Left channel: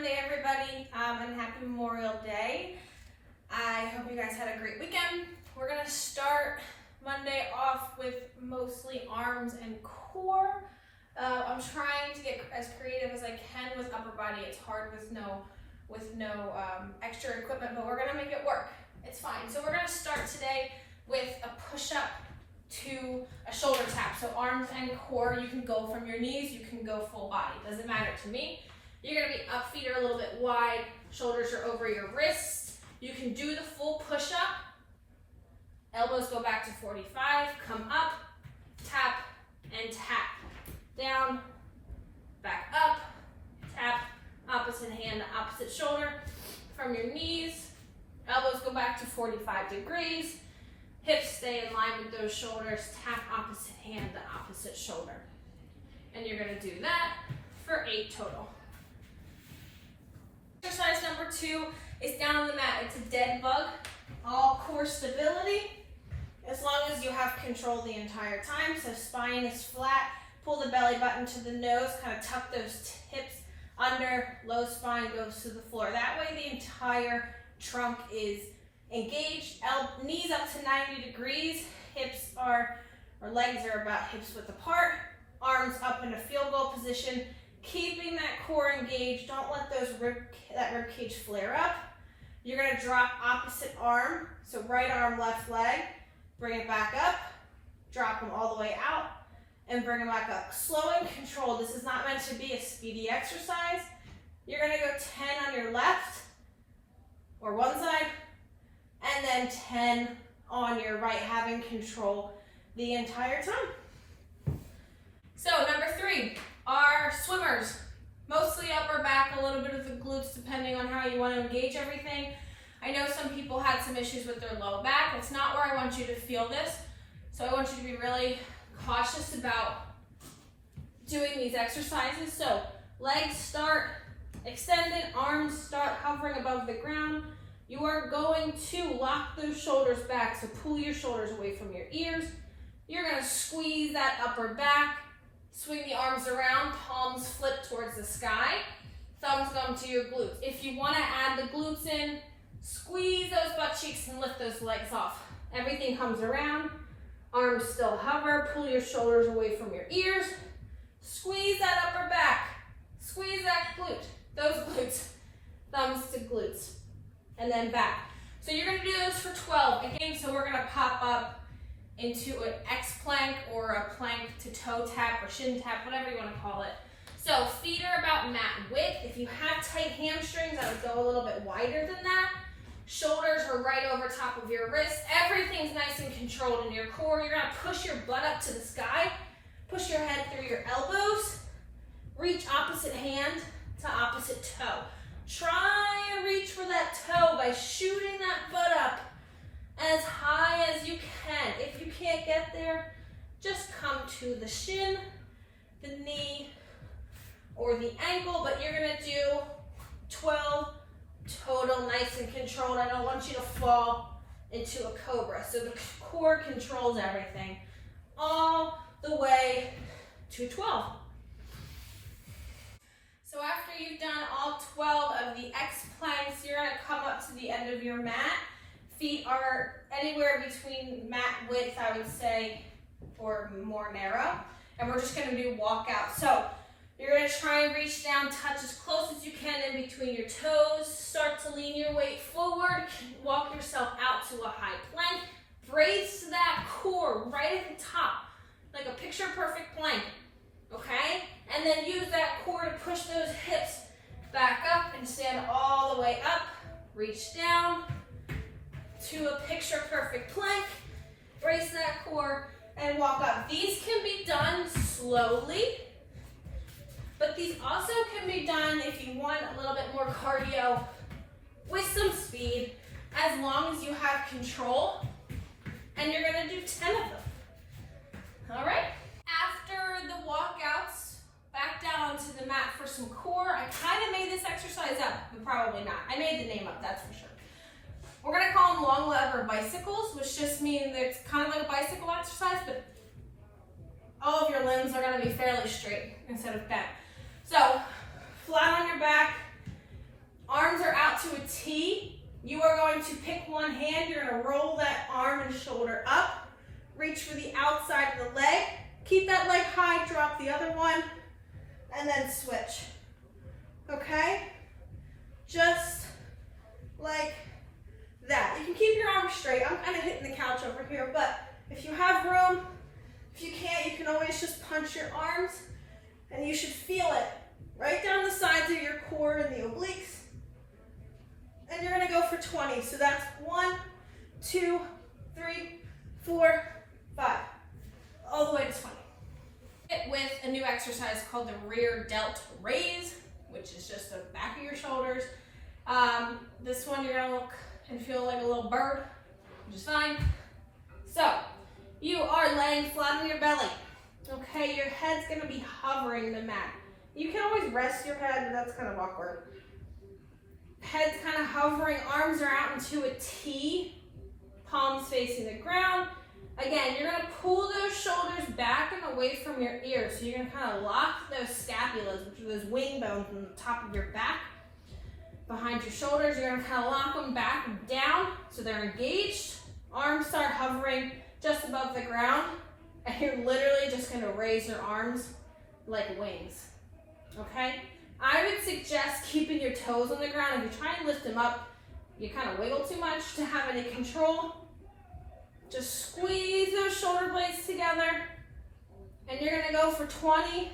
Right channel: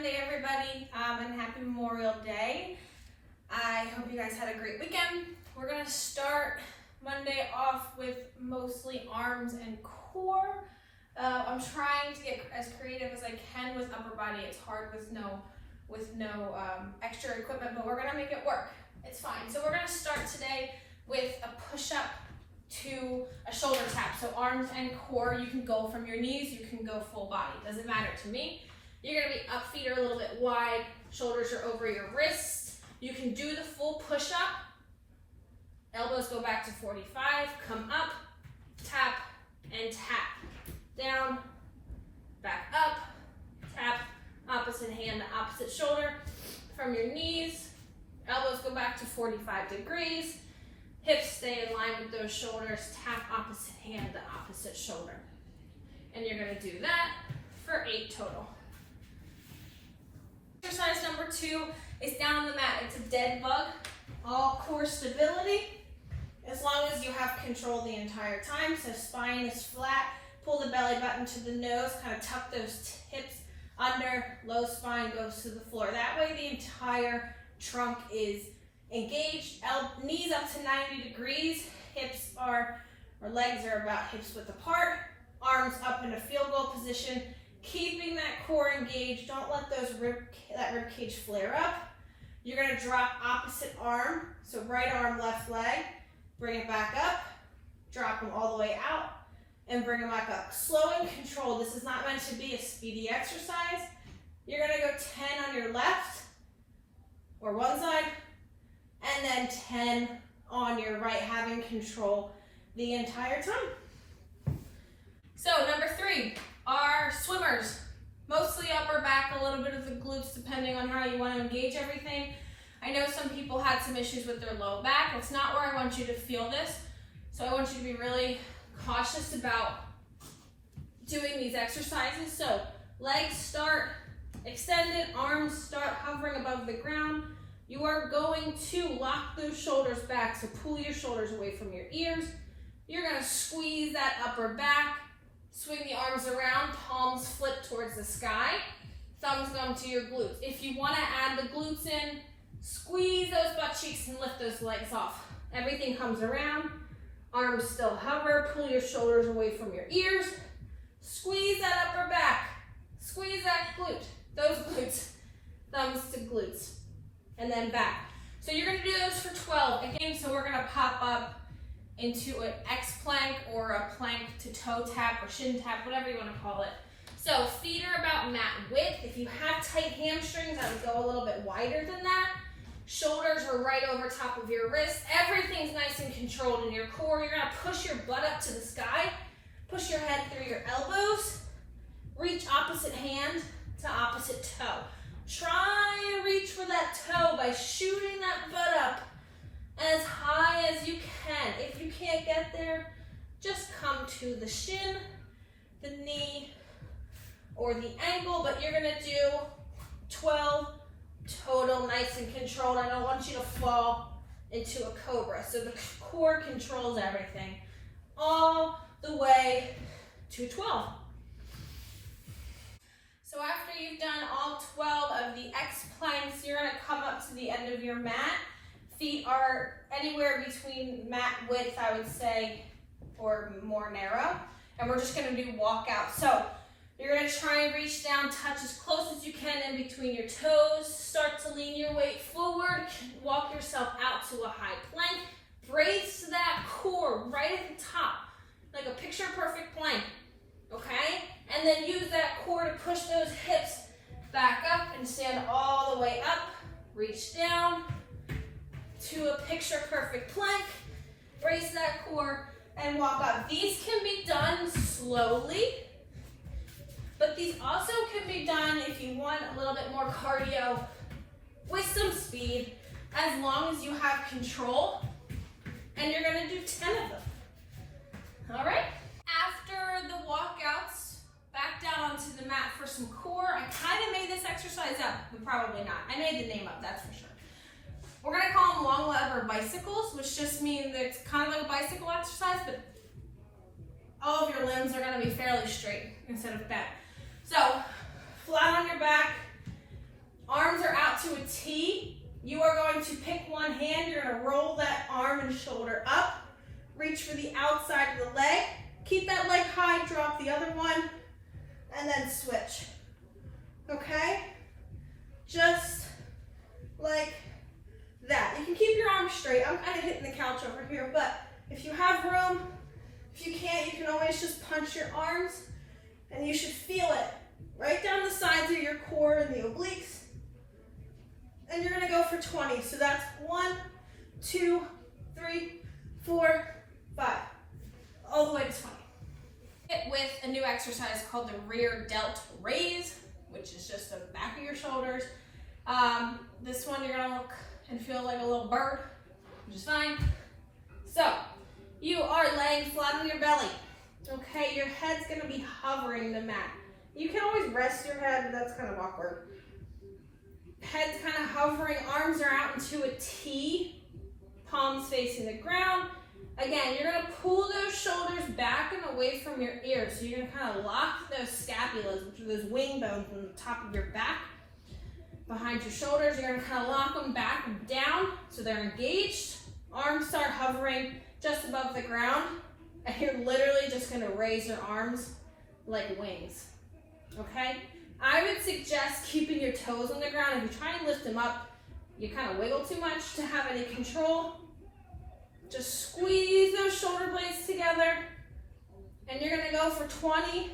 Monday, everybody, and happy Memorial Day. I hope you guys had a great weekend. We're gonna start Monday off with mostly arms and core. I'm trying to get as creative as I can with upper body. It's hard with no extra equipment, but we're gonna make it work. It's fine. So we're gonna start today with a push-up to a shoulder tap. So arms and core, you can go from your knees, you can go full body. Doesn't matter to me. You're gonna be up, feet are a little bit wide, shoulders are over your wrists. You can do the full push-up. Elbows go back to 45, come up, tap, and tap. Down, back up, tap, opposite hand to opposite shoulder. From your knees, elbows go back to 45 degrees. Hips stay in line with those shoulders. Tap opposite hand to opposite shoulder. And you're gonna do that for 8 total. Exercise number 2 is down on the mat. It's a dead bug, all core stability, as long as you have control the entire time. So spine is flat, pull the belly button to the nose, kind of tuck those hips under, low spine goes to the floor. That way the entire trunk is engaged, knees up to 90 degrees, legs are about hips width apart, arms up in a field goal position, keeping that core engaged. Don't let that rib cage flare up. You're gonna drop opposite arm, so right arm, left leg, bring it back up, drop them all the way out, and bring them back up. Slow and controlled. This is not meant to be a speedy exercise. You're gonna go 10 on your left, or one side, and then 10 on your right, having control the entire time. So number 3 are swimmers. Mostly upper back, a little bit of the glutes, depending on how you want to engage everything. I know some people had some issues with their low back. It's not where I want you to feel this. So I want you to be really cautious about doing these exercises. So legs start extended, arms start hovering above the ground. You are going to lock those shoulders back, so pull your shoulders away from your ears. You're gonna squeeze that upper back, swing the arms around, palms flip towards the sky, thumbs come to your glutes. If you wanna add the glutes in, squeeze those butt cheeks and lift those legs off. Everything comes around, arms still hover, pull your shoulders away from your ears, squeeze that upper back, squeeze that glute, those glutes, thumbs to glutes. And then back. So you're gonna do those for 12. Again, so we're gonna pop up into an X plank or a plank to toe tap or shin tap, whatever you wanna call it. So feet are about mat width. If you have tight hamstrings, I would go a little bit wider than that. Shoulders are right over top of your wrists. Everything's nice and controlled in your core. You're gonna push your butt up to the sky, push your head through your elbows, reach opposite hand to opposite toe. Try and reach for that toe by shooting that butt up as high as you can. If you can't get there, just come to the shin, the knee, or the ankle, but you're gonna do 12 total, nice and controlled. I don't want you to fall into a cobra. So the core controls everything all the way to 12. So after you've done all 12 of the X planks, you're gonna come up to the end of your mat. Feet are anywhere between mat width, I would say, or more narrow. And we're just gonna do walkout. So you're gonna try and reach down, touch as close as you can in between your toes. Start to lean your weight forward. Walk yourself out to a high plank. Brace that core right at the top, like a picture perfect plank, okay? And then use that core to push those hips back up and stand all the way up. Reach down to a picture perfect plank. Brace that core and walk up. These can be done slowly, but these also can be done if you want a little bit more cardio with some speed, as long as you have control. And you're gonna do 10 of them. All right? After the walkouts, back down onto the mat for some core. I kind of made this exercise up, but probably not. I made the name up, that's for sure. We're gonna call them long lever bicycles, which just means that it's kind of like a bicycle exercise, but all of your limbs are gonna be fairly straight instead of bent. So, flat on your back, Arms are out to a T. You are going to pick one hand. You're going to roll that arm and shoulder up. Reach for the outside of the leg. Keep that leg high, drop the other one, and then switch. Okay? Just like that. You can keep your arms straight. I'm kind of hitting the couch over here, but if you have room, if you can't, you can always just punch your arms, and you should feel it right down the sides of your core and the obliques. And you're gonna go for 20. So that's 1, 2, 3, 4, 5, all the way to 20. With a new exercise called the rear delt raise, which is just the back of your shoulders. This one you're gonna look and feel like a little bird, which is fine. So you are laying flat on your belly. Okay, your head's gonna be hovering the mat. You can always rest your head, but that's kind of awkward. Head's kind of hovering, arms are out into a T, palms facing the ground. Again, you're gonna pull those shoulders back and away from your ears. So you're gonna kind of lock those scapulas, which are those wing bones on the top of your back, behind your shoulders. You're gonna kind of lock them back and down so they're engaged. Arms start hovering just above the ground, and you're literally just gonna raise your arms like wings, okay? I would suggest keeping your toes on the ground. If you try and lift them up, you kind of wiggle too much to have any control. Just squeeze those shoulder blades together, and you're gonna go for 20